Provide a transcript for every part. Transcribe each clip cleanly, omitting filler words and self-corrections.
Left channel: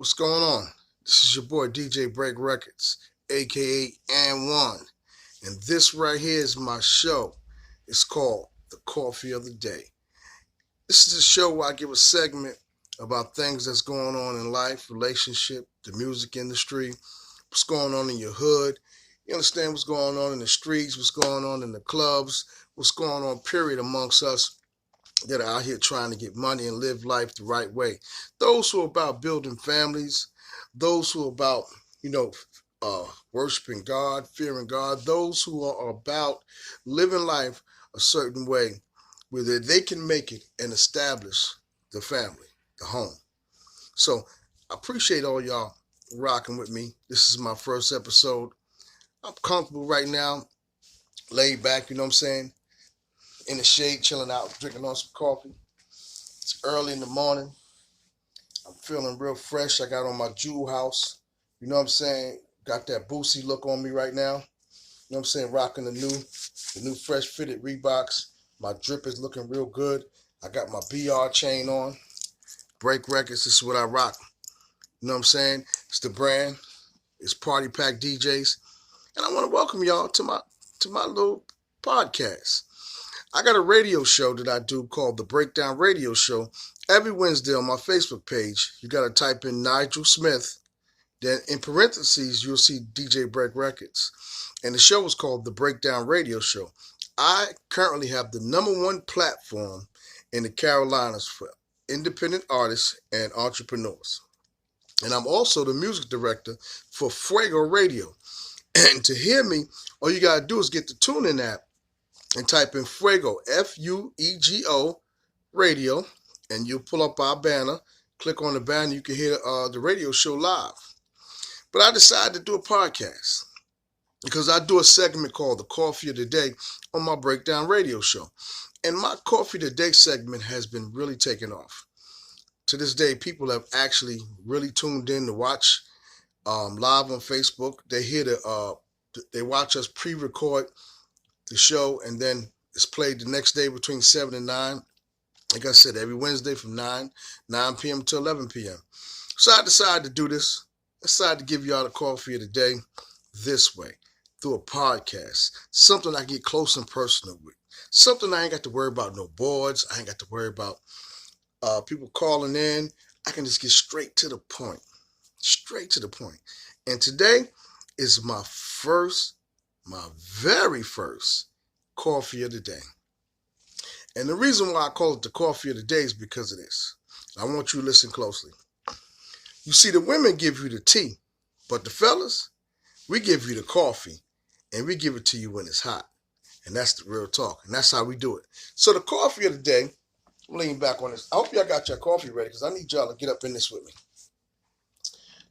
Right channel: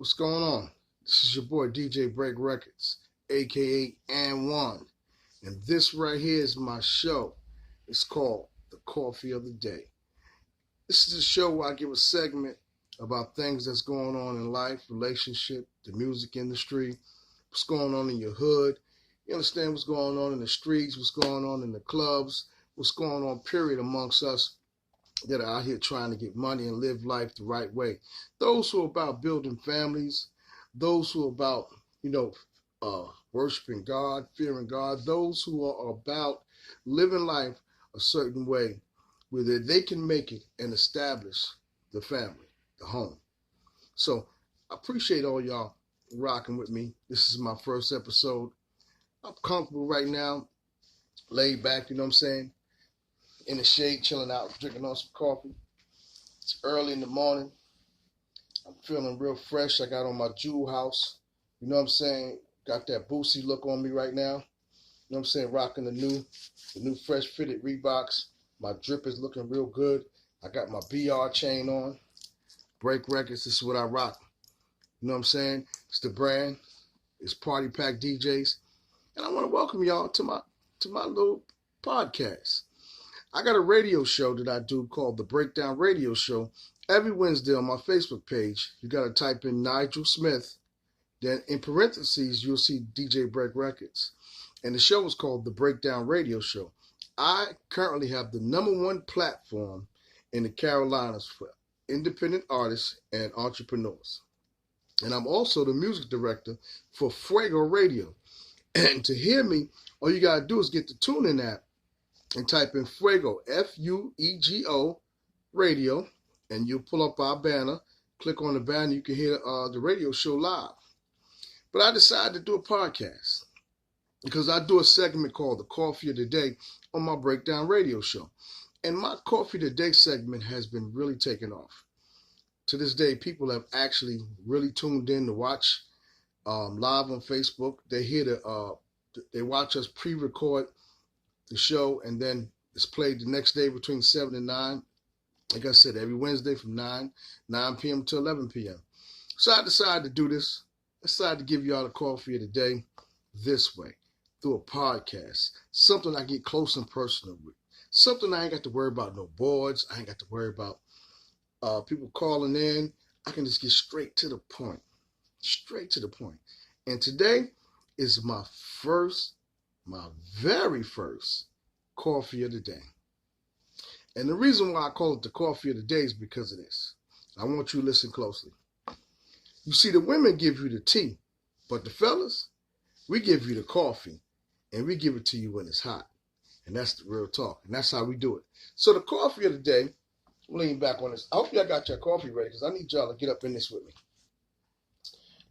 What's going on? This is your boy DJ Break Records, aka And One. And this right here is my show. It's called The Coffee of the Day. This is a show where I give a segment about things that's going on in life, relationship, the music industry, what's going on in your hood. You understand what's going on in the streets, what's going on in the clubs, what's going on, period, amongst us that are out here trying to get money and live life the right way. Those who are about building families, those who are about, you know, worshiping God, fearing God, those who are about living life a certain way where they can make it and establish the family, the home. So I appreciate all y'all rocking with me. This is my first episode. I'm comfortable right now, laid back, you know what I'm saying? In the shade, chilling out, drinking on some coffee. It's early in the morning. I'm feeling real fresh. I got on my jewel house. You know what I'm saying? Got that Boosie look on me right now. You know what I'm saying? Rocking the new fresh fitted Reeboks. My drip is looking real good. I got my BR chain on. Break Records, this is what I rock. You know what I'm saying? It's the brand. It's Party Pack DJs. And I want to welcome y'all to my little podcast. I got a radio show that I do called The Breakdown Radio Show every Wednesday on my Facebook page. You got to type in Nigel Smith. Then in parentheses, you'll see DJ Break Records. And the show is called The Breakdown Radio Show. I currently have the number one platform in the Carolinas for independent artists and entrepreneurs. And I'm also the music director for Fuego Radio. And to hear me, all you got to do is get the TuneIn app and type in Fuego, Fuego radio, and you'll pull up our banner. Click on the banner, you can hear the radio show live. But I decided to do a podcast because I do a segment called The Coffee of the Day on my Breakdown Radio Show. And my Coffee of the Day segment has been really taking off. To this day, people have actually really tuned in to watch live on Facebook. They watch us pre-record the show, and then it's played the next day between 7 and 9. Like I said, every Wednesday from 9 p.m. to 11 p.m. So I decided to do this. I decided to give y'all the coffee of the day this way, through a podcast. Something I get close and personal with. Something I ain't got to worry about no boards. I ain't got to worry about people calling in. I can just get straight to the point. Straight to the point. And today is my very first coffee of the day. And the reason why I call it the coffee of the day is because of this. I want you to listen closely. You see, the women give you the tea, but the fellas, we give you the coffee, and we give it to you when it's hot. And that's the real talk, and that's how we do it. So the coffee of the day, I'm leaning back on this. I hope y'all got your coffee ready because I need y'all to get up in this with me.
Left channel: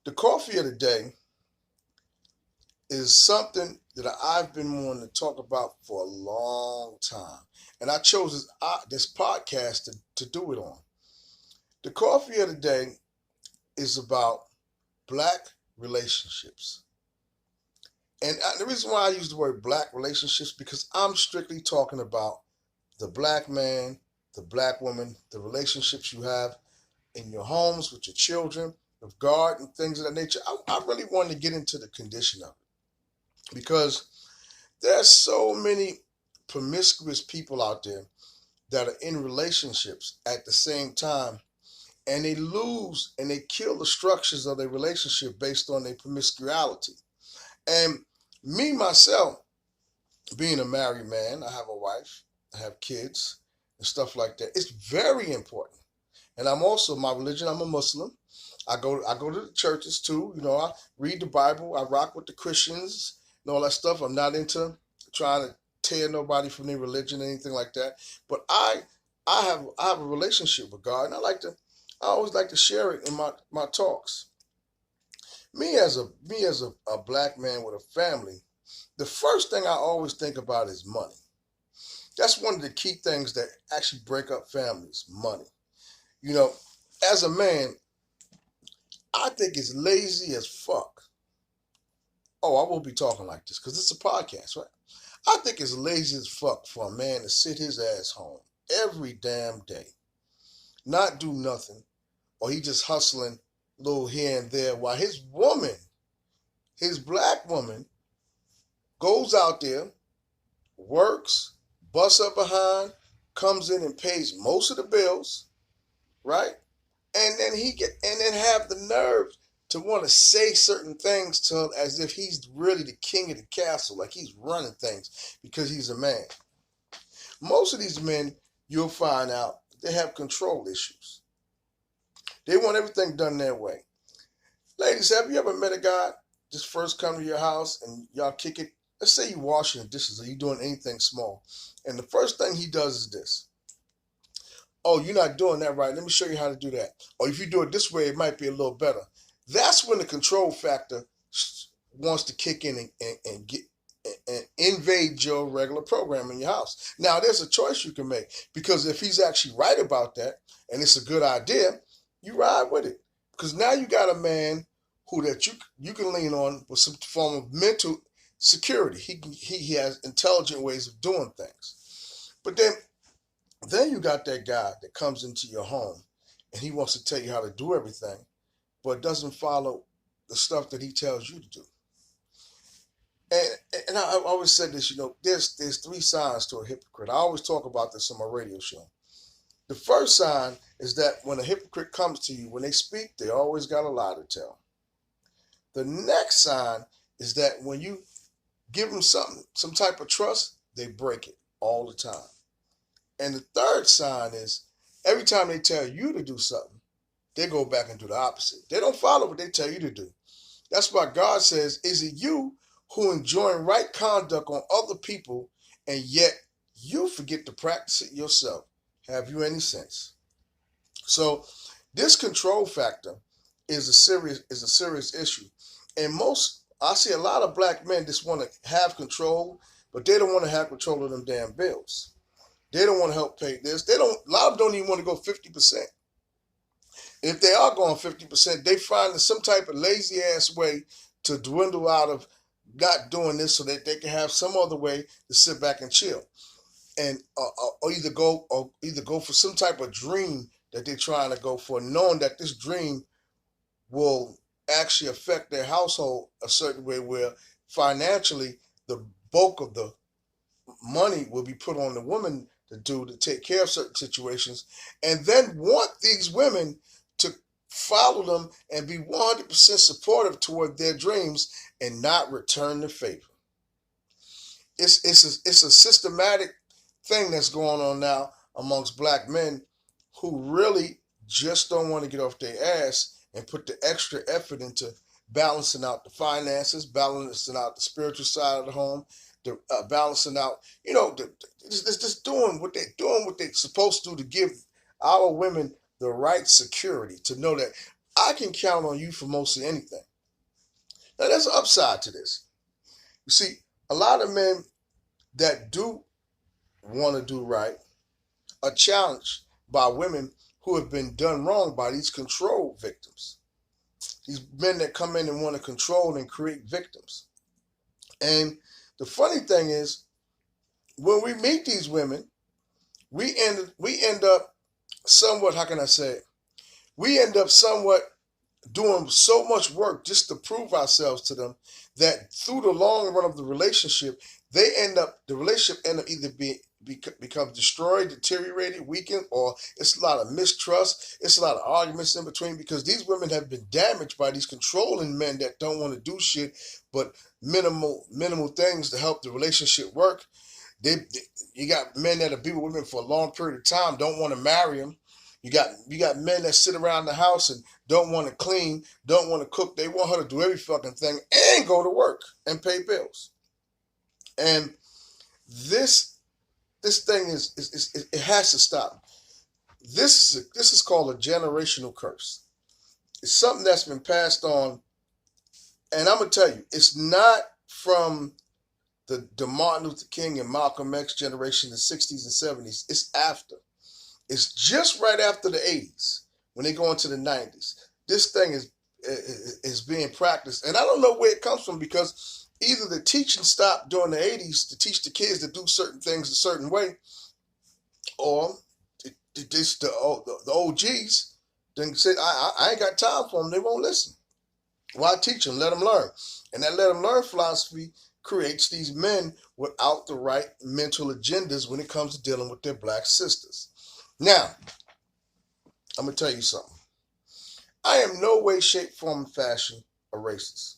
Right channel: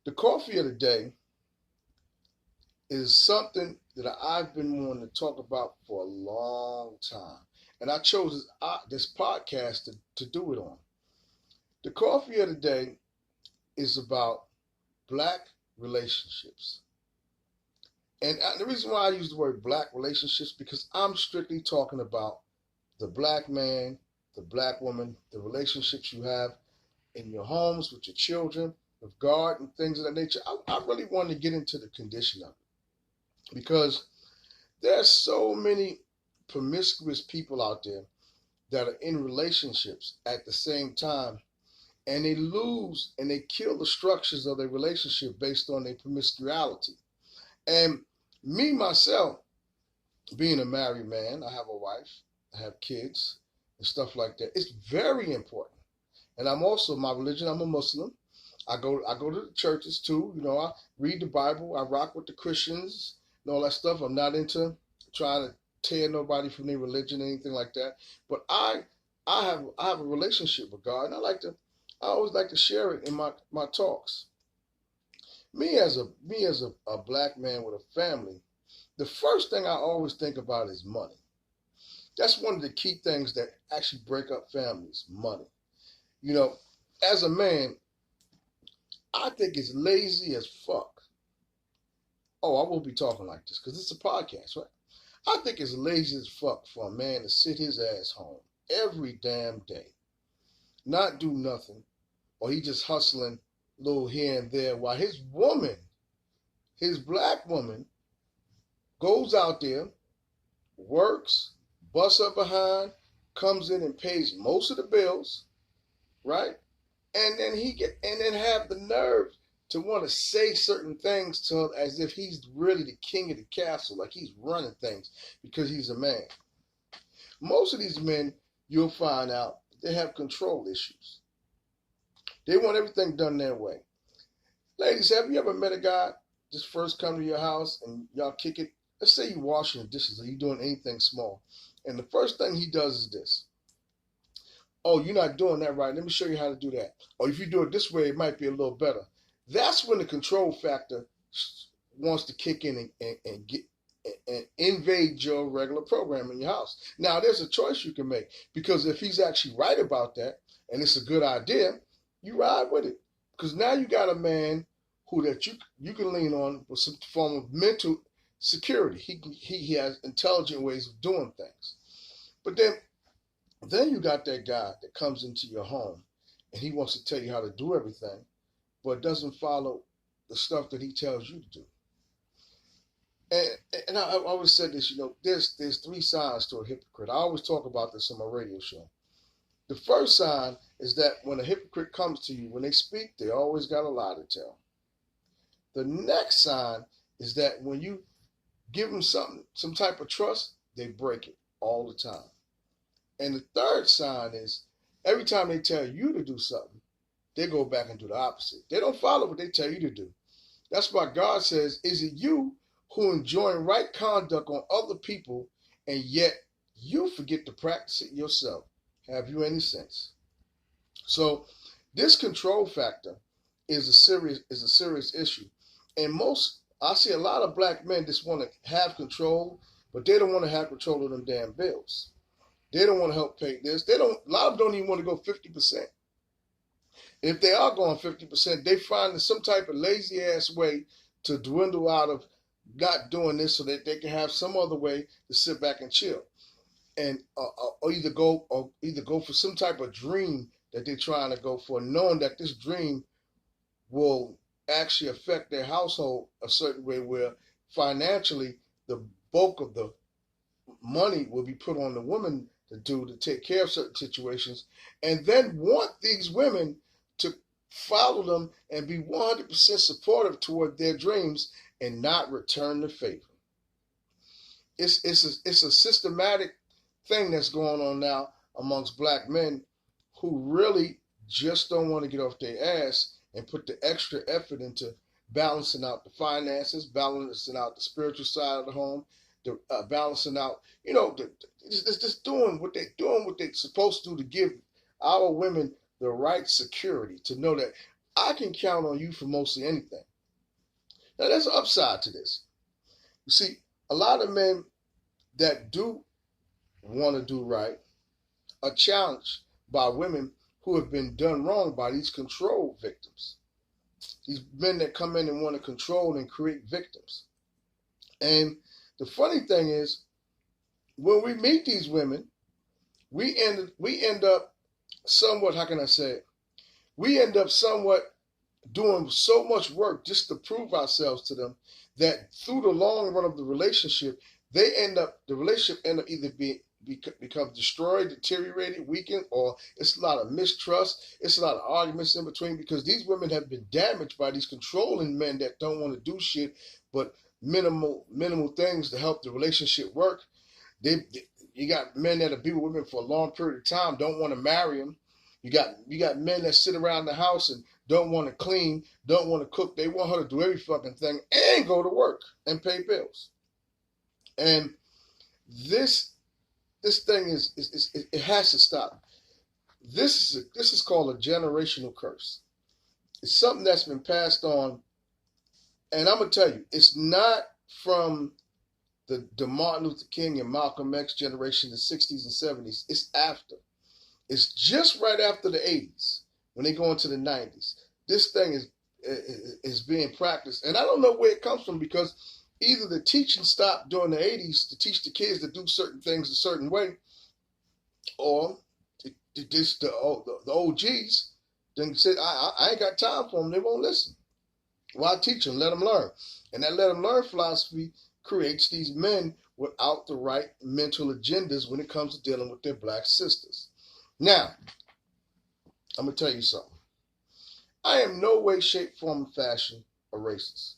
The coffee of the day is something that I've been wanting to talk about for a long time. And I chose this podcast to do it on. The coffee of the day is about black relationships. And the reason why I use the word black relationships because I'm strictly talking about the black man, the black woman, the relationships you have in your homes with your children, with God and things of that nature. I really wanted to get into the condition of it because there's so many promiscuous people out there that are in relationships at the same time, and they lose and they kill the structures of their relationship based on their promiscuity. And me, myself, being a married man, I have a wife, I have kids, and stuff like that. It's very important. And I'm also, my religion, I'm a Muslim. I go to the churches too. You know, I read the Bible. I rock with the Christians and all that stuff. I'm not into trying to tear nobody from their religion or anything like that. But I have a relationship with God, and I always like to share it in my talks. Me as a black man with a family, the first thing I always think about is money. That's one of the key things that actually break up families, money. You know, as a man, I think it's lazy as fuck. Oh, I won't be talking like this because it's a podcast, right? I think it's lazy as fuck for a man to sit his ass home every damn day, not do nothing, or he just hustling little here and there, while his woman, his black woman, goes out there, works, busts up behind, comes in and pays most of the bills, right? And then have the nerve to want to say certain things to him as if he's really the king of the castle, like he's running things because he's a man. Most of these men, you'll find out, they have control issues. They want everything done their way. Ladies, have you ever met a guy just first come to your house and y'all kick it? Let's say you're washing the dishes or you're doing anything small. And the first thing he does is this. Oh, you're not doing that right. Let me show you how to do that. Or if you do it this way, it might be a little better. That's when the control factor wants to kick in and get and invade your regular program in your house. Now, there's a choice you can make, because if he's actually right about that and it's a good idea, you ride with it. Because now you got a man who that you can lean on with some form of mental security. He has intelligent ways of doing things. But then you got that guy that comes into your home and he wants to tell you how to do everything, but doesn't follow the stuff that he tells you to do. And I always said this, there's three signs to a hypocrite. I always talk about this on my radio show. The first sign is that when a hypocrite comes to you, when they speak, they always got a lie to tell. The next sign is that when you give them something, some type of trust, they break it all the time. And the third sign is every time they tell you to do something, they go back and do the opposite. They don't follow what they tell you to do. That's why God says, is it you who enjoin right conduct on other people, and yet you forget to practice it yourself? Have you any sense? So this control factor is a serious issue. And I see a lot of black men just want to have control, but they don't want to have control of them damn bills. They don't want to help pay this. A lot of them don't even want to go 50%. If they are going 50%, they find some type of lazy ass way to dwindle out of not doing this so that they can have some other way to sit back and chill. And or either go for some type of dream that they're trying to go for, knowing that this dream will actually affect their household a certain way, where financially the bulk of the money will be put on the woman to take care of certain situations, and then want these women to follow them and be 100% supportive toward their dreams and not return the favor. It's a systematic thing that's going on now amongst black men who really just don't want to get off their ass and put the extra effort into balancing out the finances, balancing out the spiritual side of the home, balancing out, just doing what they're supposed to do to give our women the right security to know that I can count on you for mostly anything. Now, there's an upside to this. You see, a lot of men that do want to do right are challenged by women who have been done wrong by these control victims. These men that come in and want to control and create victims. And the funny thing is, when we meet these women, we end up somewhat, how can I say it? We end up somewhat doing so much work just to prove ourselves to them that through the long run of the relationship, the relationship end up either becomes destroyed, deteriorated, weakened, or it's a lot of mistrust. It's a lot of arguments in between, because these women have been damaged by these controlling men that don't want to do shit but minimal things to help the relationship work. You got men that'll be with women for a long period of time, don't want to marry them. You got men that sit around the house and don't want to clean, don't want to cook. They want her to do every fucking thing and go to work and pay bills. And this thing it has to stop. This is called a generational curse. It's something that's been passed on, and I'm gonna tell you, it's not from the Martin Luther King and Malcolm X generation, the 60s and 70s. It's after. It's just right after the 80s, when they go into the 90s. This thing is being practiced, and I don't know where it comes from, because either the teaching stopped during the 80s to teach the kids to do certain things a certain way, or the OGs, Then say, I ain't got time for them. They won't listen. Well, I teach them, let them learn. And that let them learn philosophy creates these men without the right mental agendas when it comes to dealing with their black sisters. Now, I'm going to tell you something. I am no way, shape, form, and fashion a racist.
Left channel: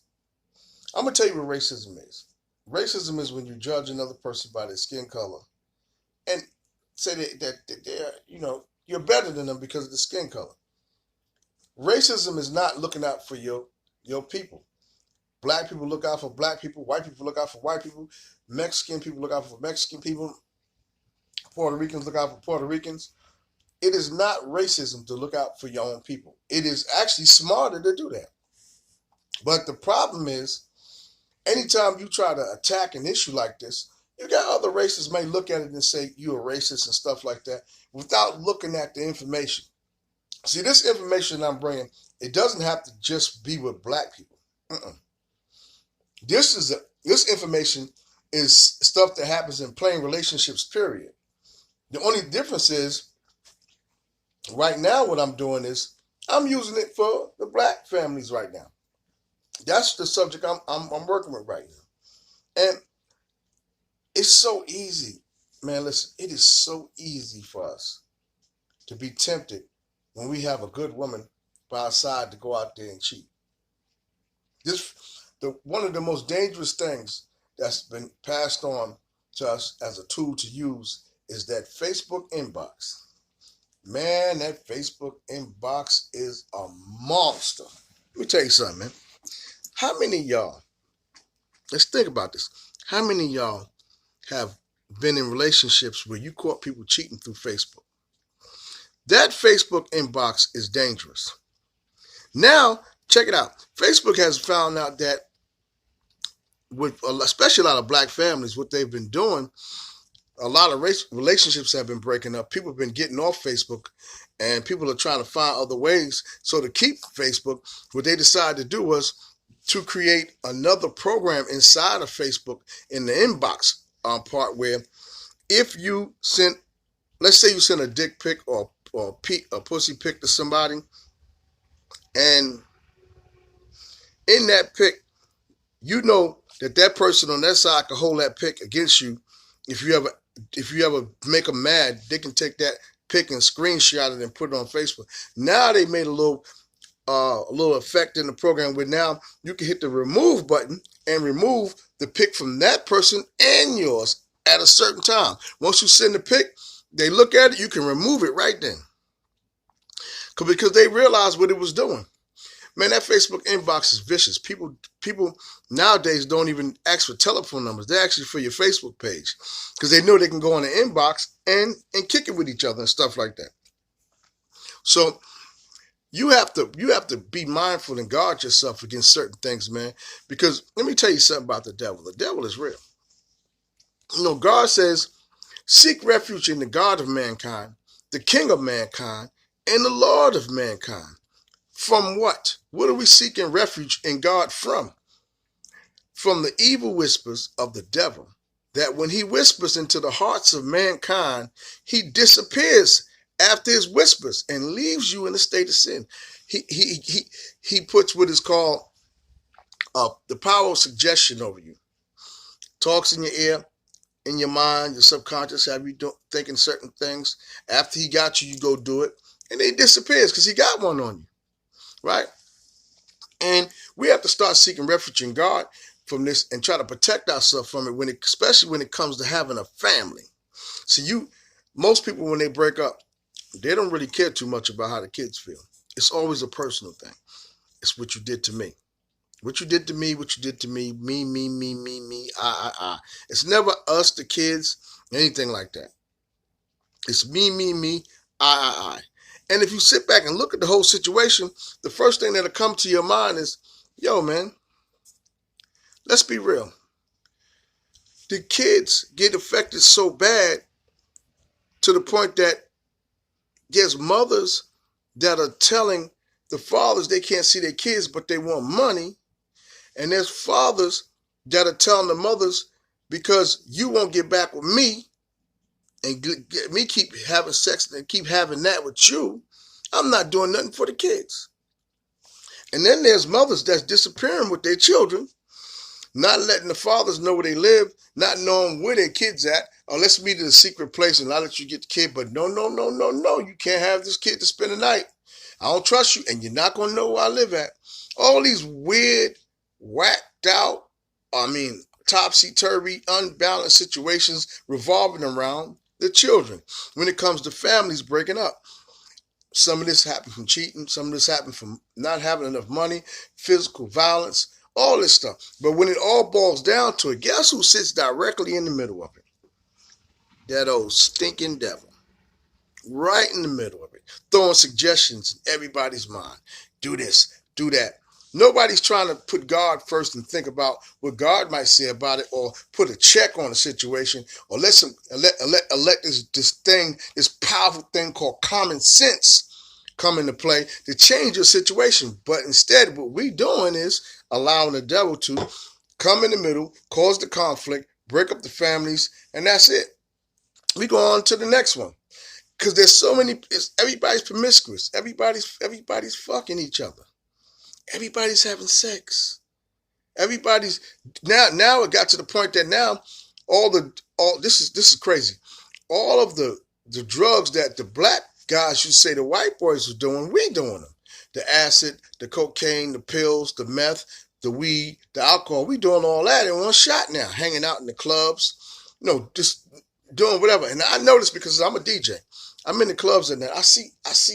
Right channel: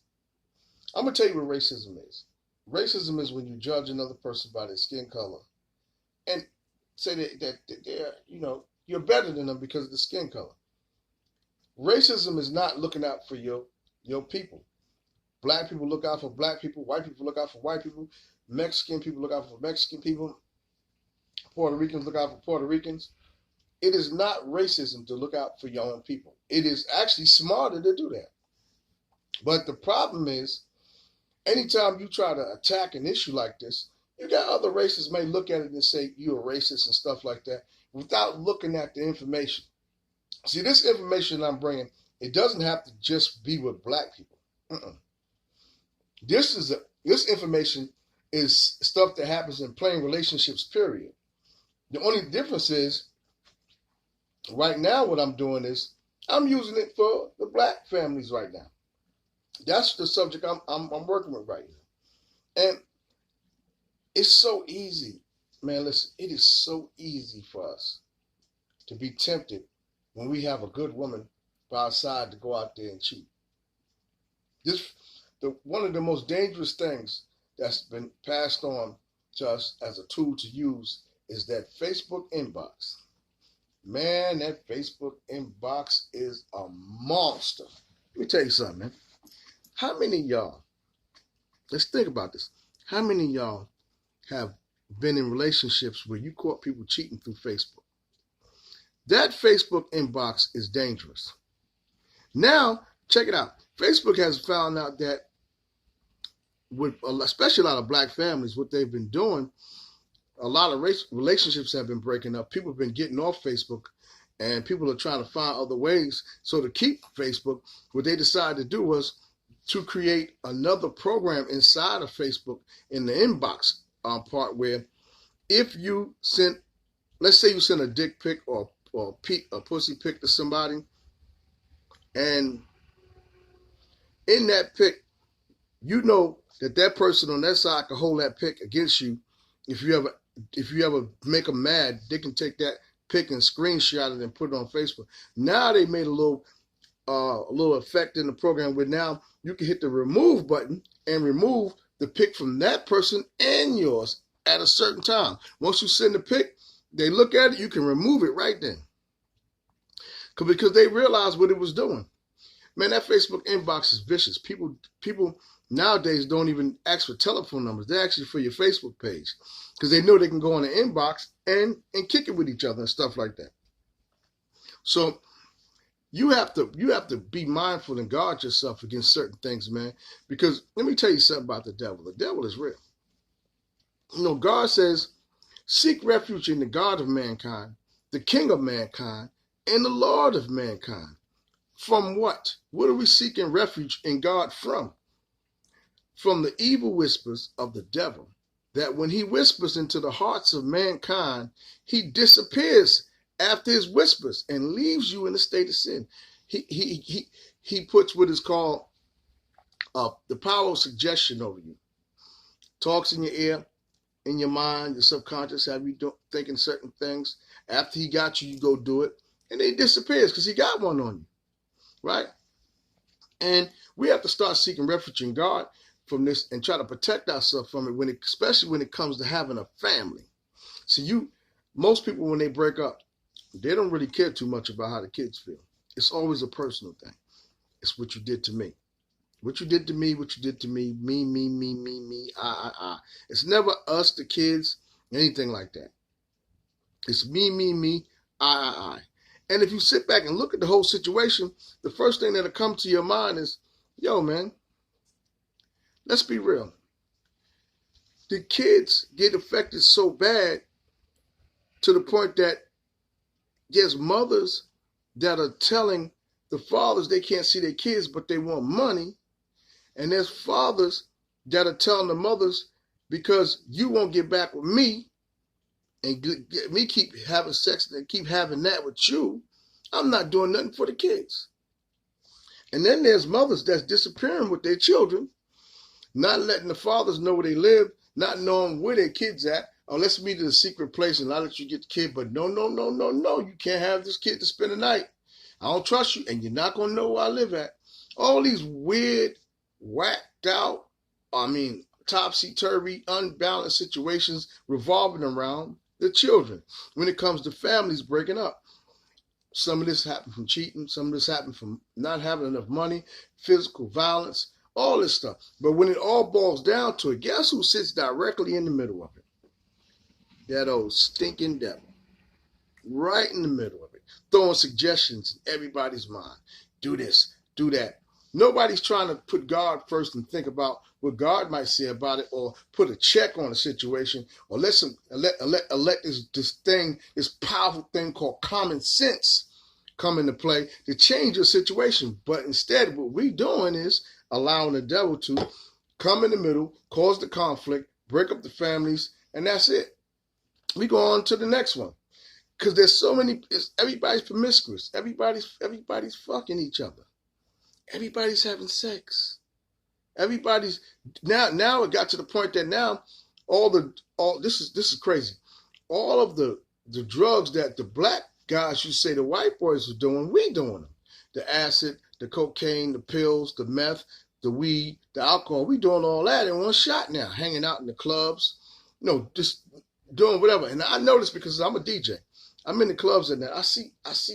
I'm going to tell you what racism is. Racism is when you judge another person by their skin color and say that they're, you're better than them because of the skin color. Racism is not looking out for your people. Black people look out for black people. White people look out for white people. Mexican people look out for Mexican people. Puerto Ricans look out for Puerto Ricans. It is not racism to look out for your own people. It is actually smarter to do that. But the problem is, anytime you try to attack an issue like this, you got other races may look at it and say you're a racist and stuff like that without looking at the information. See, this information I'm bringing, it doesn't have to just be with black people. This information is stuff that happens in plain relationships, period. The only difference is, right now what I'm doing is I'm using it for the black families right now. That's the subject I'm working with right now. And it's so easy, man, listen, it is so easy for us to be tempted when we have a good woman by our side to go out there and cheat. One of the most dangerous things that's been passed on to us as a tool to use is that Facebook inbox. Man, that Facebook inbox is a monster. Let me tell you something, man. How many of y'all, let's think about this. How many of y'all have been in relationships where you caught people cheating through Facebook? That Facebook inbox is dangerous. Now, check it out. Facebook has found out that with especially a lot of black families, what they've been doing, a lot of relationships have been breaking up. People have been getting off Facebook, and people are trying to find other ways. So to keep Facebook, what they decided to do was to create another program inside of Facebook in the inbox part where if you send, let's say you send a dick pic or a pussy pic to somebody, and in that pic, you know that person on that side can hold that pic against you. If you ever make them mad, they can take that pic and screenshot it and put it on Facebook. Now they made a little effect in the program where now you can hit the remove button and remove the pic from that person and yours at a certain time. Once you send the pic, they look at it, you can remove it right then. Because they realized what it was doing. Man, that Facebook inbox is vicious. People nowadays don't even ask for telephone numbers. They're actually for your Facebook page because they know they can go on the inbox and kick it with each other and stuff like that. So you have to be mindful and guard yourself against certain things, man. Because let me tell you something about the devil. The devil is real. God says, seek refuge in the God of mankind, the King of mankind, and the Lord of mankind. From what? What are we seeking refuge in God from? From the evil whispers of the devil, that when he whispers into the hearts of mankind, he disappears after his whispers and leaves you in a state of sin. He puts what is called the power of suggestion over you. Talks in your ear, in your mind, your subconscious, have you thinking certain things. After he got you, you go do it. And then he disappears because he got one on you. Right? And we have to start seeking refuge in God from this and try to protect ourselves from it, especially when it comes to having a family. See, most people, when they break up, they don't really care too much about how the kids feel. It's always a personal thing. It's what you did to me. What you did to me, what you did to me, me, I. It's never us, the kids, anything like that. It's me, I. And if you sit back and look at the whole situation, the first thing that'll come to your mind is, yo, man, let's be real. The kids get affected so bad to the point that there's mothers that are telling the fathers they can't see their kids, but they want money. And there's fathers that are telling the mothers, because you won't get back with me and get me keep having sex and keep having that with you, I'm not doing nothing for the kids. And then there's mothers that's disappearing with their children, not letting the fathers know where they live, not knowing where their kids at. Oh, let's meet at a secret place and I'll let you get the kid. But no, no, no, no, no. You can't have this kid to spend the night. I don't trust you, and you're not going to know where I live at. All these weird, whacked out, topsy-turvy, unbalanced situations revolving around the children when it comes to families breaking up. Some of this happened from cheating. Some of this happened from not having enough money, physical violence, all this stuff. But when it all boils down to it, guess who sits directly in the middle of it? That old stinking devil. Right in the middle of it. Throwing suggestions in everybody's mind. Do this, do that. Nobody's trying to put God first and think about what God might say about it, or put a check on a situation, or let this powerful thing called common sense come into play to change your situation. But instead, what we're doing is allowing the devil to come in the middle, cause the conflict, break up the families, and that's it. We go on to the next one. Because there's so many, everybody's promiscuous. Everybody's fucking each other. Everybody's having sex. Everybody's now it got to the point that now this is crazy. All of the drugs that the black guys used to say the white boys were doing, we doing them. The acid, the cocaine, the pills, the meth, the weed, the alcohol, we doing all that in one shot now, hanging out in the clubs, just doing whatever. And I know this because I'm a DJ. I'm in the clubs and I see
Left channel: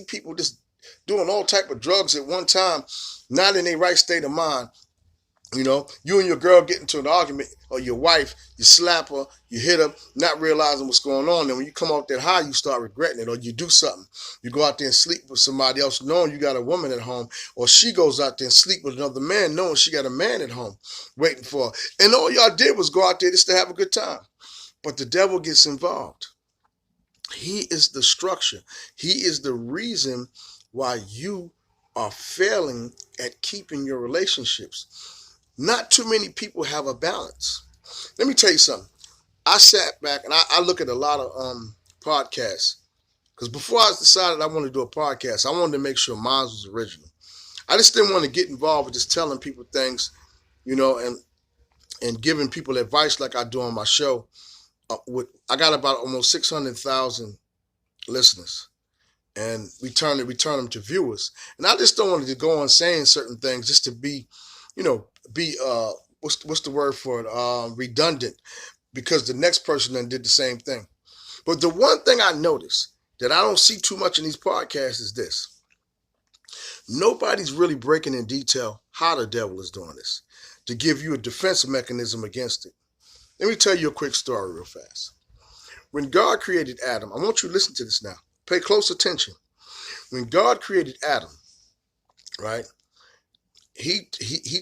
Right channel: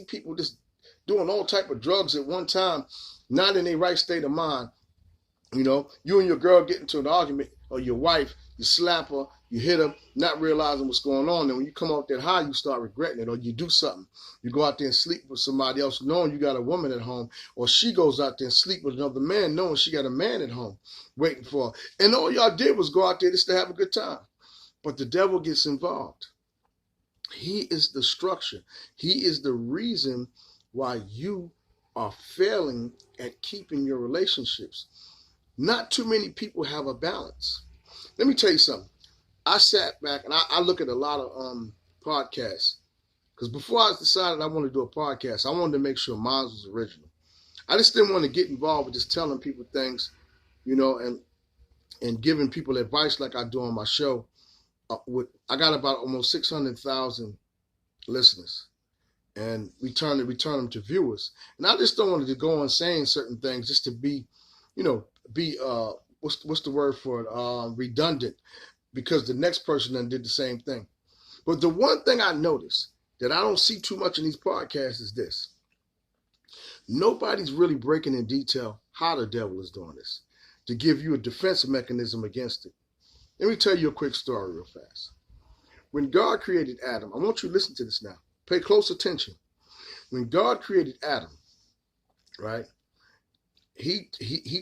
people just doing all type of drugs at one time, not in their right state of mind. You and your girl get into an argument, or your wife, you slap her, you hit her, not realizing what's going on. And when you come off that high, you start regretting it, or you do something. You go out there and sleep with somebody else knowing you got a woman at home, or she goes out there and sleep with another man knowing she got a man at home waiting for her. And all y'all did was go out there just to have a good time. But the devil gets involved. He is the structure. He is the reason why you are failing at keeping your relationships. Not too many people have a balance. Let me tell you something. I sat back and I look at a lot of podcasts, because before I decided I wanted to do a podcast, I wanted to make sure mine was original. I just didn't want to get involved with just telling people things, and giving people advice like I do on my show. I got about almost 600,000 listeners, and we turn them to viewers. And I just don't want to go on saying certain things just to be what's the word for it? Redundant, because the next person then did the same thing. But the one thing I notice that I don't see too much in these podcasts is this. Nobody's really breaking in detail how the devil is doing this to give you a defense mechanism against it. Let me tell you a quick story real fast. When God created Adam, I want you to listen to this now. Pay close attention. When God created Adam, right, he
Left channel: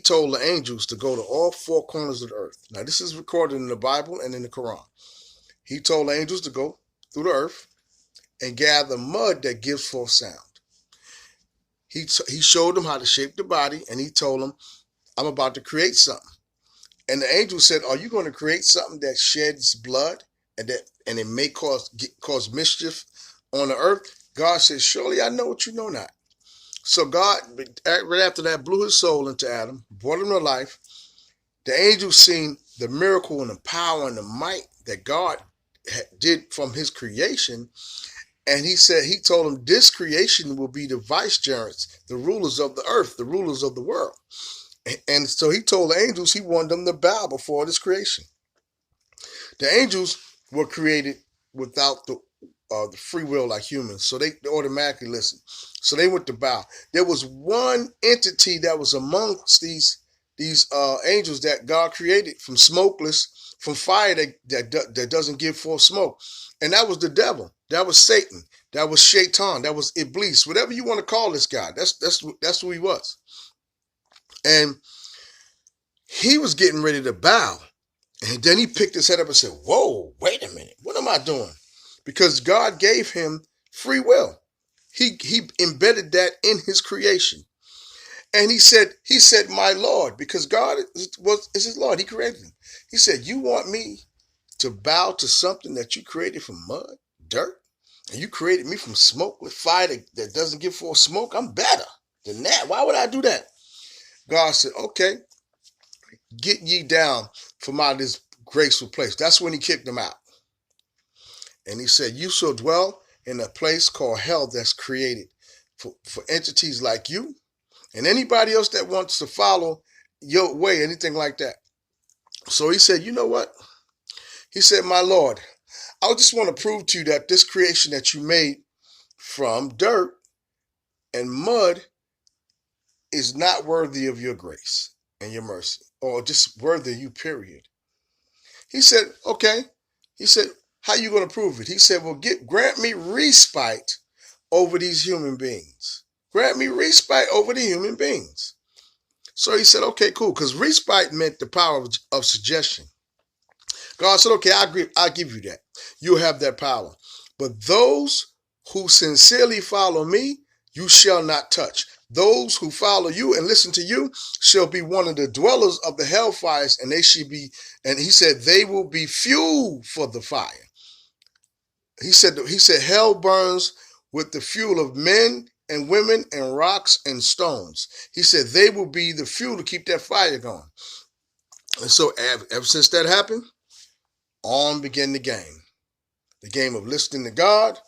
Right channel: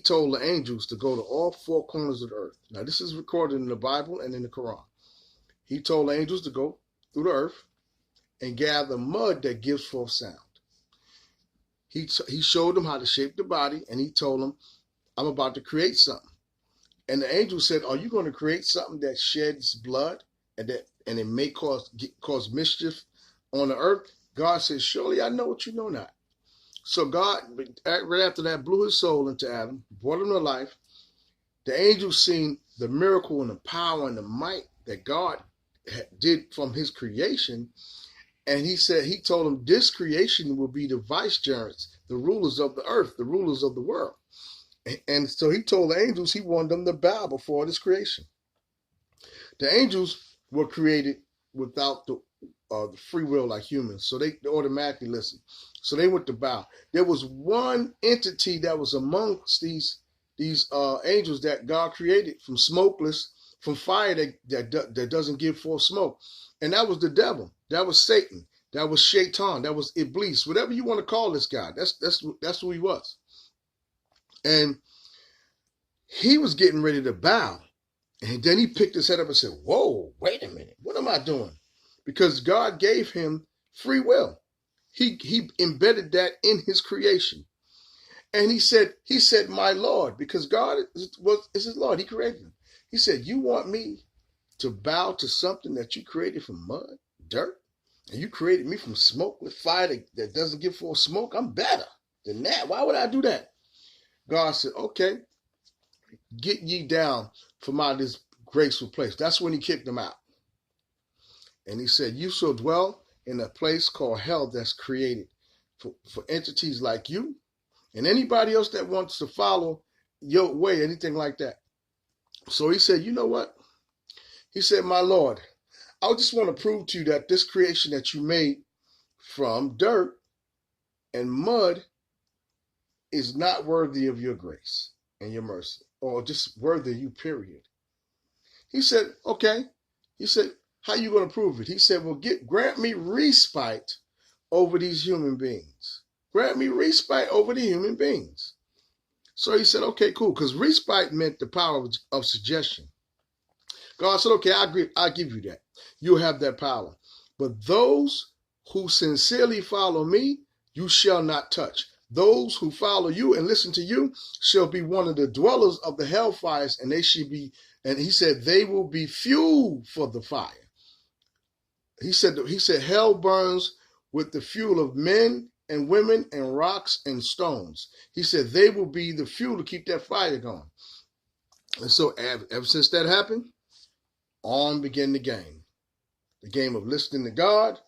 told the angels to go to all four corners of the earth. Now, this is recorded in the Bible and in the Quran. He told the angels to go through the earth and gather mud that gives forth sound. He showed them how to shape the body, and he told them, I'm about to create something. And the angel said, are you going to create something that sheds blood and it may cause mischief on the earth? God said, surely I know what you know not. So God, right after that, blew his soul into Adam, brought him to life. The angel seen the miracle and the power and the might that God did from his creation. And he told him this creation will be the vicegerents, the rulers of the earth, the rulers of the world. And so he told the angels he wanted them to bow before this creation. The angels were created without the free will like humans, so they automatically listen. So they went to bow. There was one entity that was amongst these angels that God created from smokeless, from fire that doesn't give forth smoke, and that was the devil. That was Satan. That was Shaitan. That was Iblis. Whatever you want to call this guy, that's who he was. And he was getting ready to bow. And then he picked his head up and said, whoa, wait a minute. What am I doing? Because God gave him free will. He embedded that in his creation. And he said, my Lord, because God is his Lord. He created him. He said, you want me to bow to something that you created from mud, dirt? And you created me from smoke with fire that doesn't give forth smoke. I'm better than that. Why would I do that? God said, okay, get ye down from out of this graceful place. That's when he kicked them out. And he said, you shall dwell in a place called hell that's created for entities like you and anybody else that wants to follow your way, anything like that. So he said, you know what? He said, my Lord, I just want to prove to you that this creation that you made from dirt and mud is not worthy of your grace and your mercy, or just worthy of you, period. He said, okay. He said, how you going to prove it? He said, well, grant me respite over these human beings. Grant me respite over the human beings. So he said, okay, cool, because respite meant the power of suggestion. God said, okay, I agree, I'll give you that. You'll have that power. But those who sincerely follow me, you shall not touch. Those who follow you and listen to you shall be one of the dwellers of the hellfires, and they should be, and he said, they will be fuel for the fire. He said, hell burns with the fuel of men and women and rocks and stones. He said, they will be the fuel to keep that fire going. And so ever since that happened, on began the game of listening to God,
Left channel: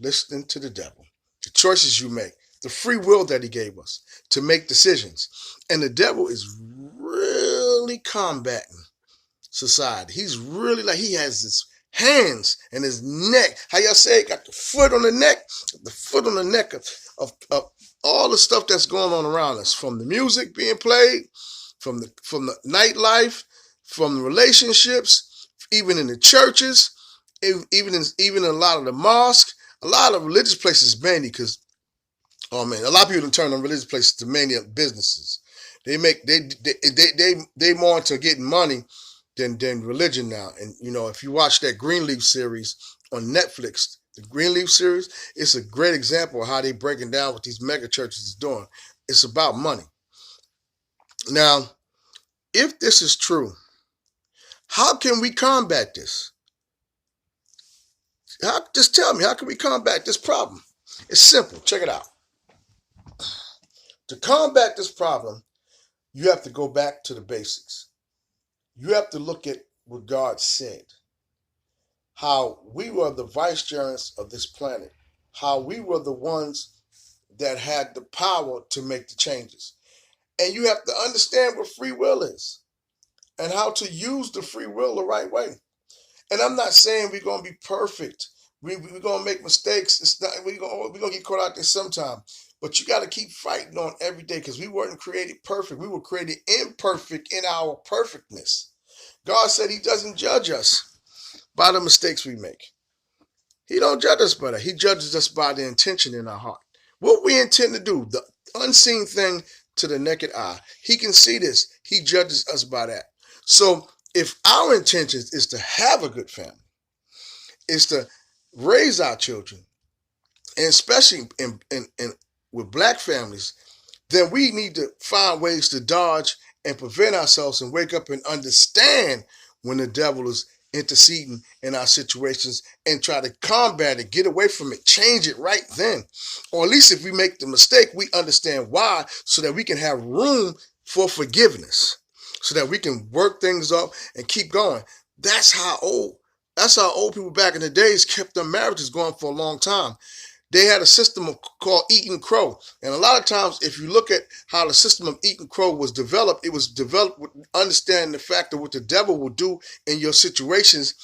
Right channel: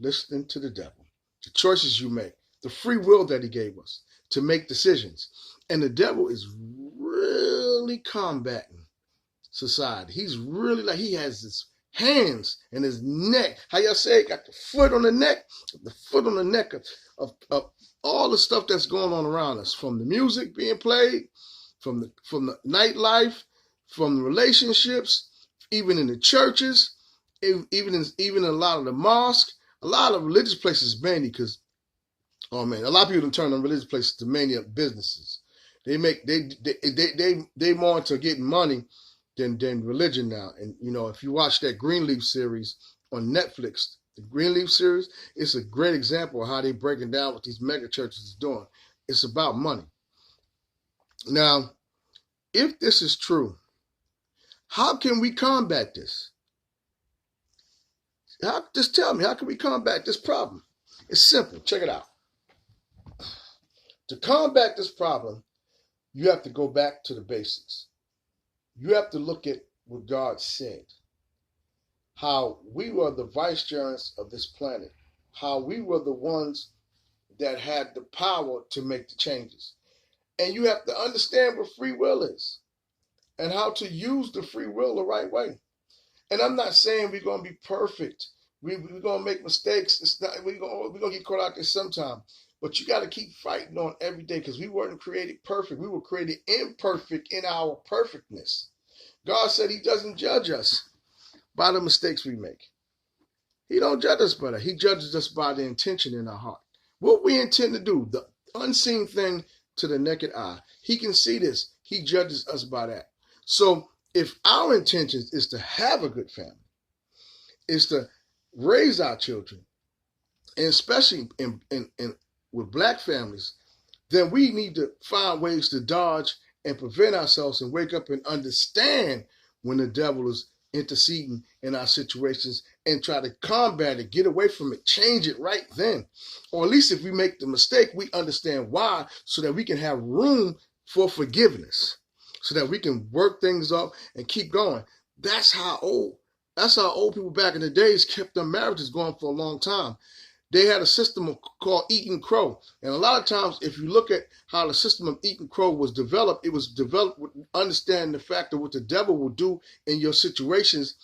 listening to the devil, the choices you make, the free will that he gave us to make decisions. And the devil is really combating society. He's really like, he has his hands and his neck. How y'all say it? Got the foot on the neck, of all the stuff that's going on around us, from the music being played, from the nightlife, from the relationships, even in the churches, even in a lot of the mosques, a lot of religious places mainly, because oh man, a lot of people don't turn on religious places to mainly businesses. They more into getting money than religion now. And you know, if you watch that Greenleaf series on Netflix, the Greenleaf series, it's a great example of how they breaking down what these mega churches is doing. It's about money. Now, if this is true, how can we combat this? Just tell me, how can we combat this problem? It's simple. Check it out. To combat this problem, you have to go back to the basics. You have to look at what God said. How we were the vicegerents of this planet. How we were the ones that had the power to make the changes. And you have to understand what free will is and how to use the free will the right way. And I'm not saying we're going to be perfect. We're going to make mistakes. It's not, we're going to get caught out there sometime. But you got to keep fighting on every day, because we weren't created perfect. We were created imperfect in our perfectness. God said he doesn't judge us by the mistakes we make. He don't judge us by that. He judges us by the intention in our heart. What we intend to do, the unseen thing to the naked eye. He can see this. He judges us by that. So if our intention is to have a good family, is to raise our children, and especially in with black families, then we need to find ways to dodge and prevent ourselves and wake up and understand when the devil is interceding in our situations and try to combat it, get away from it, change it right then. Or at least if we make the mistake, we understand why, so that we can have room for forgiveness, so that we can work things up and keep going. That's how old people back in the days kept their marriages going for a long time. They had a system called eating crow. And a lot of times, if you look at how the system of eating crow was developed, it was developed with understanding the fact of what the devil will do in your situations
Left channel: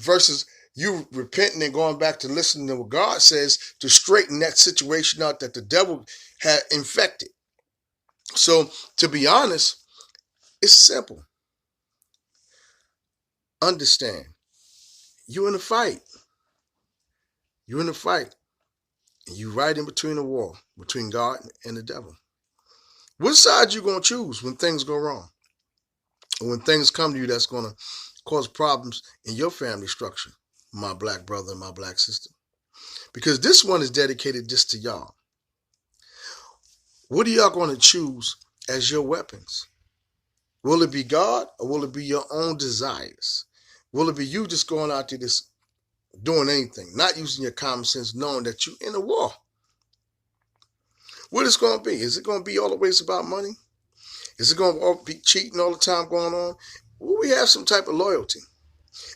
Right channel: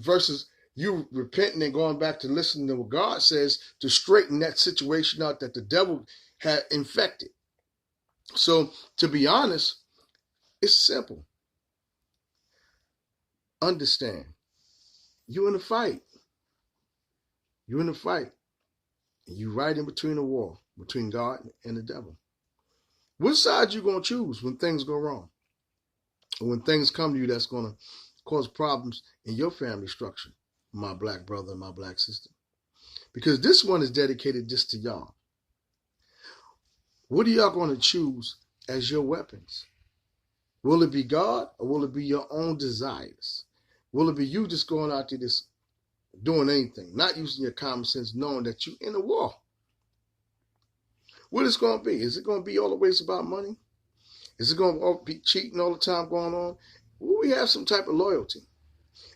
versus you repenting and going back to listening to what God says to straighten that situation out that the devil had infected. So, to be honest, it's simple. Understand. You're in a fight. You're in a fight. You right in between the war, between God and the devil. Which side you going to choose when things go wrong? Or when things come to you that's going to cause problems in your family structure, my black brother and my black sister? Because this one is dedicated just to y'all. What are y'all going to choose as your weapons? Will it be God, or will it be your own desires? Will it be you just going out there just doing anything, not using your common sense, knowing that you're in a war. What it's going to be? Is it going to be always about money? Is it going to be cheating all the time going on? Will we have some type of loyalty?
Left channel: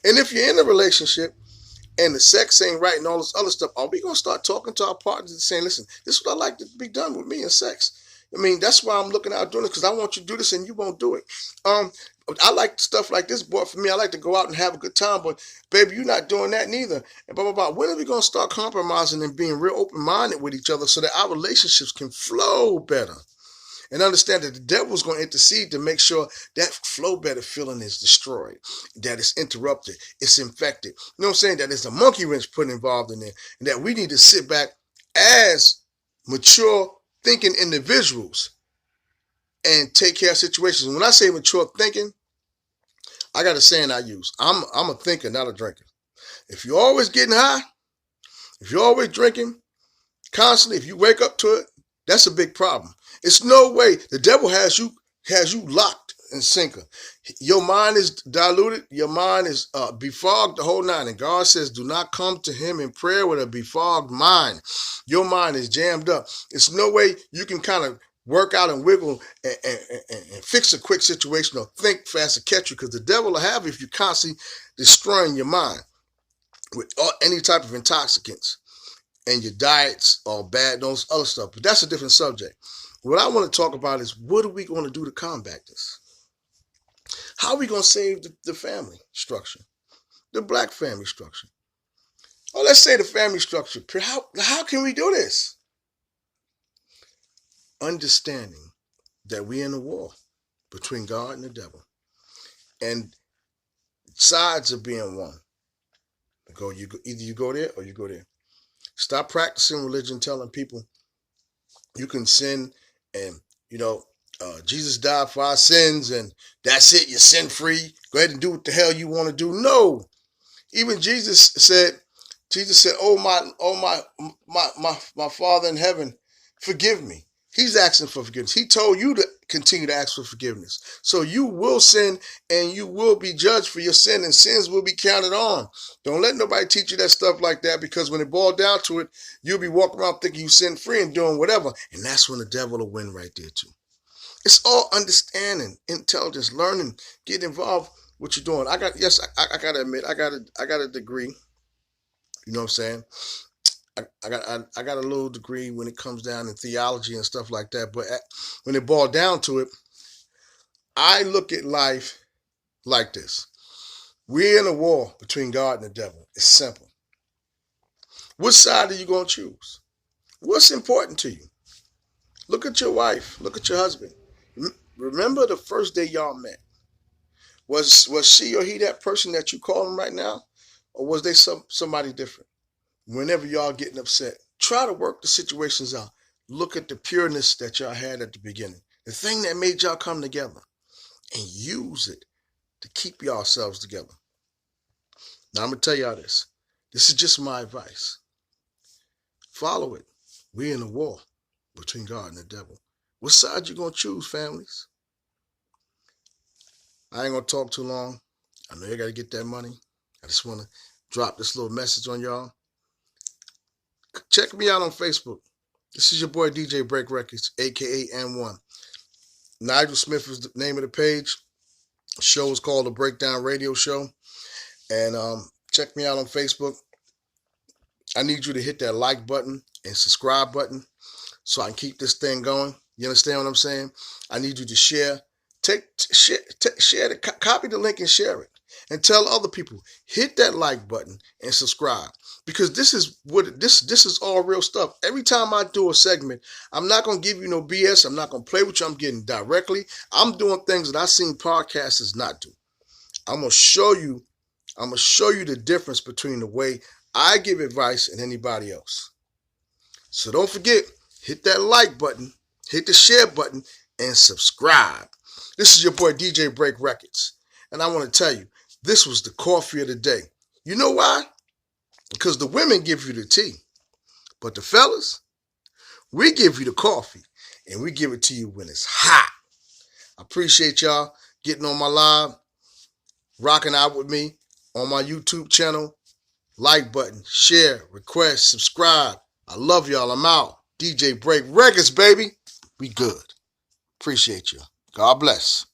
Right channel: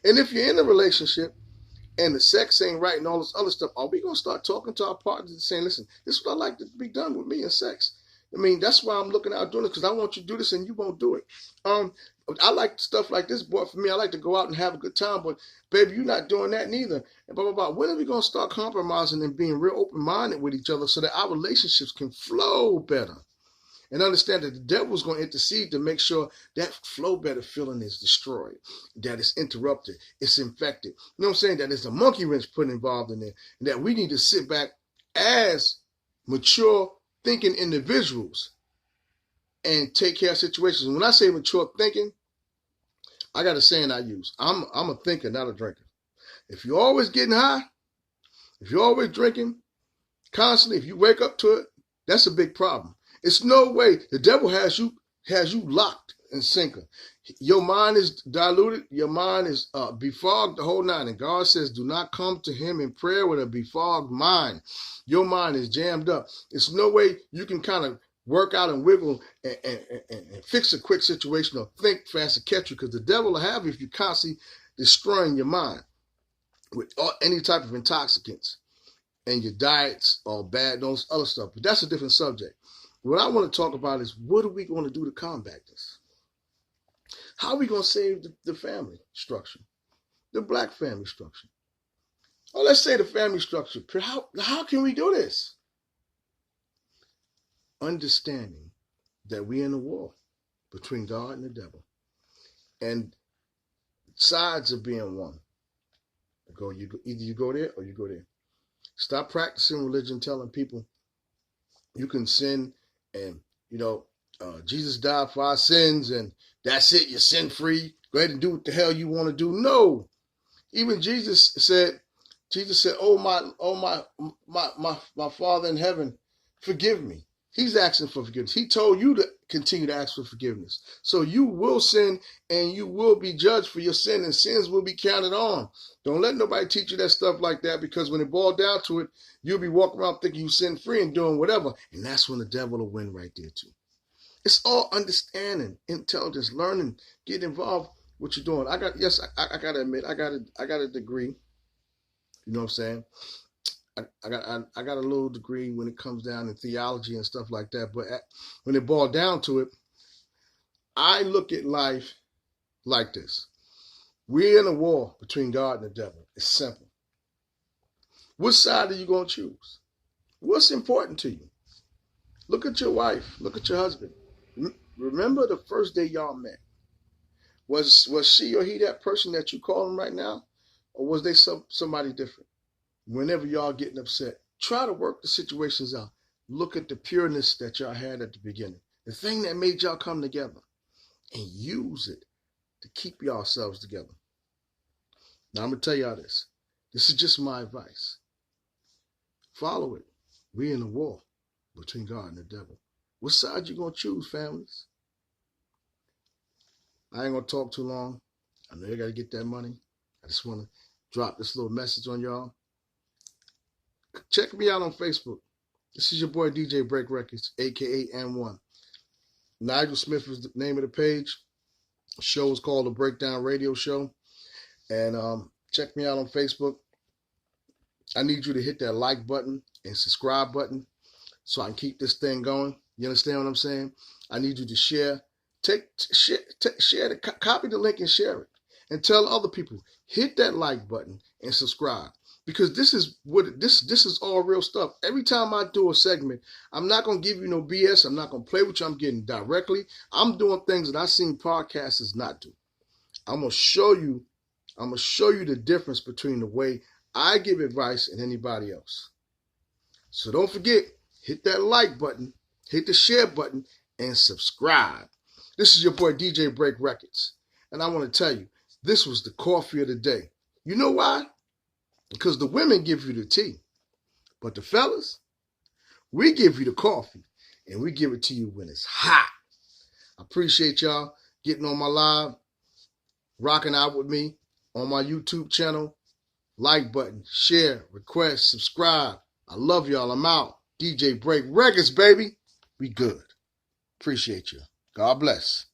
And if you're in a relationship and the sex ain't right and all this other stuff, are we going to start talking to our partners and saying, listen, this is what I like to be done with me in sex? I mean, that's why I'm looking out doing it, because I want you to do this and you won't do it. I like stuff like this, boy. For me, I like to go out and have a good time, but baby, you're not doing that neither. And blah, blah, blah. When are we going to start compromising and being real open-minded with each other so that our relationships can flow better? And understand that the devil's going to intercede to make sure that flow better feeling is destroyed, that it's interrupted, it's infected. You know what I'm saying? That there's a monkey wrench put involved in there, and that we need to sit back as mature thinking individuals and take care of situations. When I say mature thinking, I got a saying I use. I'm a thinker, not a drinker. If you're always getting high, if you're always drinking constantly, if you wake up to it, that's a big problem. It's no way. The devil has you locked and sinker. Your mind is diluted. Your mind is befogged the whole nine. And God says, do not come to him in prayer with a befogged mind. Your mind is jammed up. It's no way you can kind of work out and wiggle and fix a quick situation or think fast to catch you, because the devil will have you if you're constantly destroying your mind with any type of intoxicants. And your diets are bad, those other stuff. But that's a different subject. What I want to talk about is, what are we going to do to combat this? How are we going to save the family structure, the black family structure? Oh, let's say the family structure. How can we do this? Understanding that we're in a war between God and the devil. And sides are being won. Either you go there or you go there. Stop practicing religion, telling people you can sin and, Jesus died for our sins and that's it, you're sin free. Go ahead and do what the hell you want to do. No. Even Jesus said, oh my Father in heaven, forgive me. He's asking for forgiveness. He told you to continue to ask for forgiveness. So you will sin and you will be judged for your sin, and sins will be counted on. Don't let nobody teach you that stuff like that, because when it boils down to it, you'll be walking around thinking you sin free and doing whatever. And that's when the devil will win right there too. It's all understanding, intelligence, learning, get involved with what you're doing. I gotta admit, I got a degree. You know what I'm saying? I got a little degree when it comes down to theology and stuff like that. But when it boiled down to it, I look at life like this. We're in a war between God and the devil. It's simple. Which side are you going to choose? What's important to you? Look at your wife. Look at your husband. Remember the first day y'all met. Was she or he that person that you call him right now? Or was they somebody different? Whenever y'all getting upset, try to work the situations out. Look at the pureness that y'all had at the beginning. The thing that made y'all come together. And use it to keep yourselves together. Now, I'm going to tell y'all this. This is just my advice. Follow it. We're in a war between God and the devil. What side you going to choose, families? I ain't going to talk too long. I know you got to get that money. I just want to drop this little message on y'all. Check me out on Facebook. This is your boy DJ Break Records, a.k.a. N1. Nigel Smith is the name of the page. The show is called The Breakdown Radio Show. And check me out on Facebook. I need you to hit that like button and subscribe button so I can keep this thing going. You understand what I'm saying? I need you to share. Copy the link and share it. And tell other people, hit that like button and subscribe, because this is all real stuff. Every time I do a segment, I'm not going to give you no BS. I'm not going to play with you. I'm getting directly. I'm doing things that I've seen podcasters not do. I'm going to show you the difference between the way I give advice and anybody else. So don't forget, hit that like button, hit the share button, and subscribe. This is your boy DJ Break Records. And I want to tell you, this was the coffee of the day. You know why? Because the women give you the tea. But the fellas, we give you the coffee. And we give it to you when it's hot. I appreciate y'all getting on my live, rocking out with me on my YouTube channel, like button, share, request, subscribe. I love y'all. I'm out. DJ Break Records, baby. We good. Appreciate you. God bless.